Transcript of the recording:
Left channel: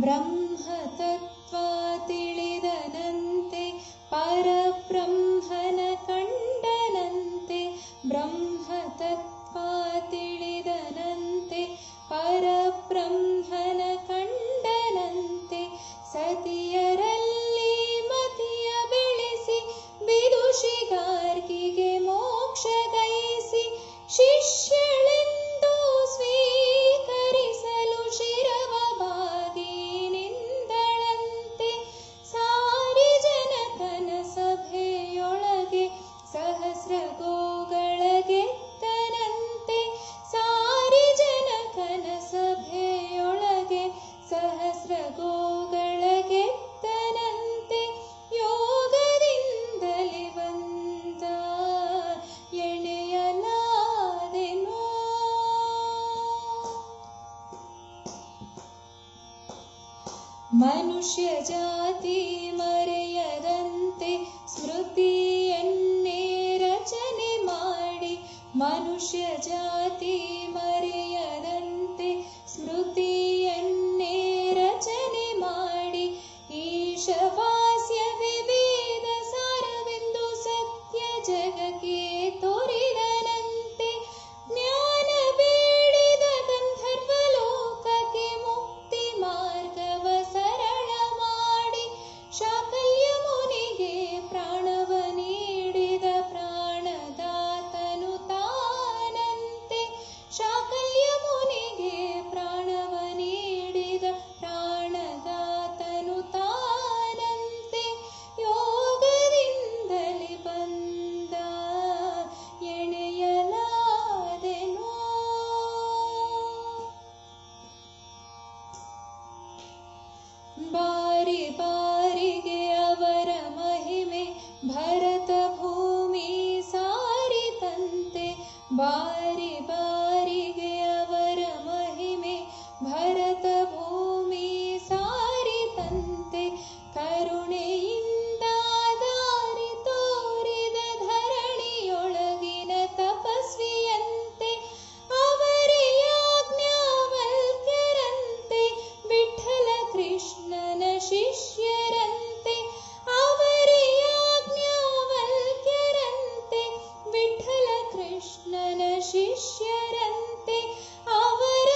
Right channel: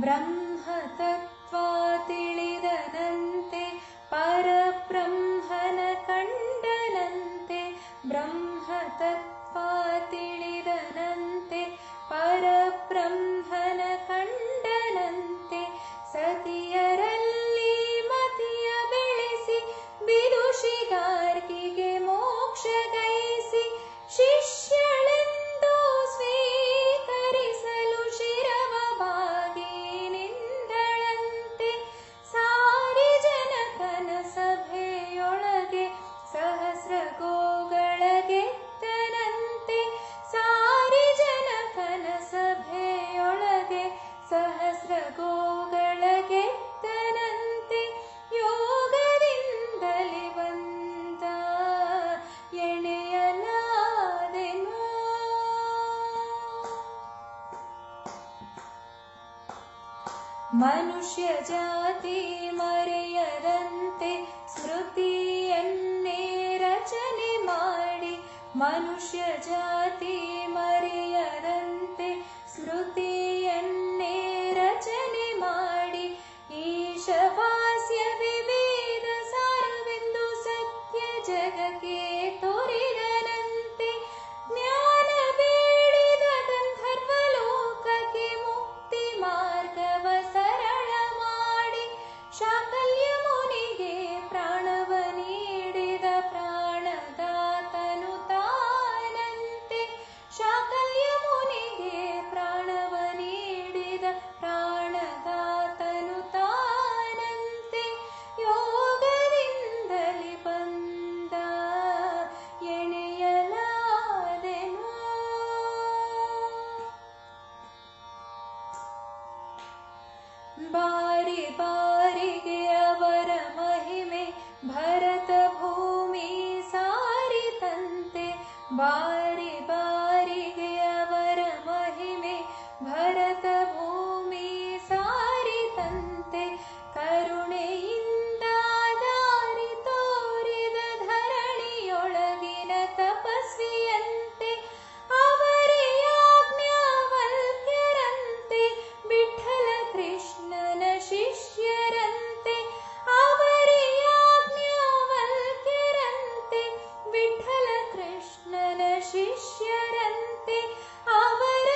ಬ್ರಹ್ಮತತ್ವ ತಿಳಿದನಂತೆ ಪರಬ್ರಹ್ಮನ ಕಂಡನಂತೆ. ಬ್ರಹ್ಮತತ್ವ ತಿಳಿದನಂತೆ ಪರಬ್ರಹ್ಮನ ಕಂಡನಂತೆ. ಸತಿಯರಲ್ಲಿ ಮತಿಯ ಬೆಳೆಸಿ ವಿದುಷಿಗಾರ್ಗಿಗೆ ಮೋಕ್ಷ ಗೈಸಿ ಶಿಷ್ಯಳೆಂದು ಸ್ವೀಕರಿಸಲು ಶಿರವ ಬಾಗಿ ನಿಂದಳಂತೆ. ಸಾರಿ ಜನಕನ ಸಭೆಯೊಳಗೆ ಸಹಸ್ರ ಗೋಗಳ ಗೆದ್ದನಂತೆ. ಸಾರಿ ಜನಕನ ಸಭೆಯೊಳಗೆ ಸಹಸ್ರ ಗೋಗಳ ಗೆದ್ದನಂತೆ. ಯೋಗದಿಂದಲೇ ಬಂದ ಎಣೆಯಲಾದೆನು. ಮನುಷ್ಯ ಜಾತಿ ಮರೆಯದಂತೆ ಸ್ಮೃತಿಯನ್ನೇ ರಚನೆ ಮಾಡಿ. ಮನುಷ್ಯ ಜಾತಿ ಮರೆಯದಂತೆ ಸ್ಮೃತಿಯನ್ನೇ ರಚನೆ ಮಾಡಿ. ಈಶವಾಸ್ಯ ವಿವೇದ ಸಾರವೆಂದು ಸತ್ಯ ಜಗಕ್ಕೆ ತೋರಿದನಂತೆ. ಜ್ಞಾನ ಬೇಡಿದ ಗಂಧರ್ವ ಲೋಕಕ್ಕೆ ಮುಕ್ತಿ ಮಾರ್ಗವ ಸರಳ ಮಾಡಿ. ಶಾಕಲ್ಯ ಮುನಿಗೆ ಪ್ರಾಣವ ನೀಡಿದ ಪ್ರಾಣದಾತನು ತಾನಂತೆ. ಶಾಕಲ್ಯ ಮುನಿಗೆ ಪ್ರಾಣವ ನೀಡಿದ ಪ್ರಾಣದಾತನು ತಾನಂತೆ. ಯೋಗದಿಂದಲೇ ಬಂದ ಎಣೆಯಲಾದೆನು. ಬಾರಿ ಬಾರಿಗೆ ಅವರ ಮಹಿಮೆ ಭರತ ಭೂಮಿ ಸಾರಿತಂತೆ. ಬಾರಿ ಬಾರಿಗೆ ಅವರ ಮಹಿಮೆ ಭರತ ಭೂಮಿ ಸಾರಿತಂತೆ. ಕರುಣೆಯಿಂದ ದಾರಿ ತೋರಿದ ಧರಣಿಯೊಳಗಿನ ತಪಸ್ವಿಯಂತೆ. ಅವರೇ ಯಾಜ್ಞವಲ್ಕ್ಯರಂತೆ ವಿಠ್ಠಲ ಕೃಷ್ಣನ ಶಿಷ್ಯರಂತೆ. ಅವರೇ ಯಾಜ್ಞವಲ್ಕ್ಯರಂತೆ ವಿಠ್ಠಲ ಕೃಷ್ಣನ ಶಿಷ್ಯರಂತೆ. ಅವರ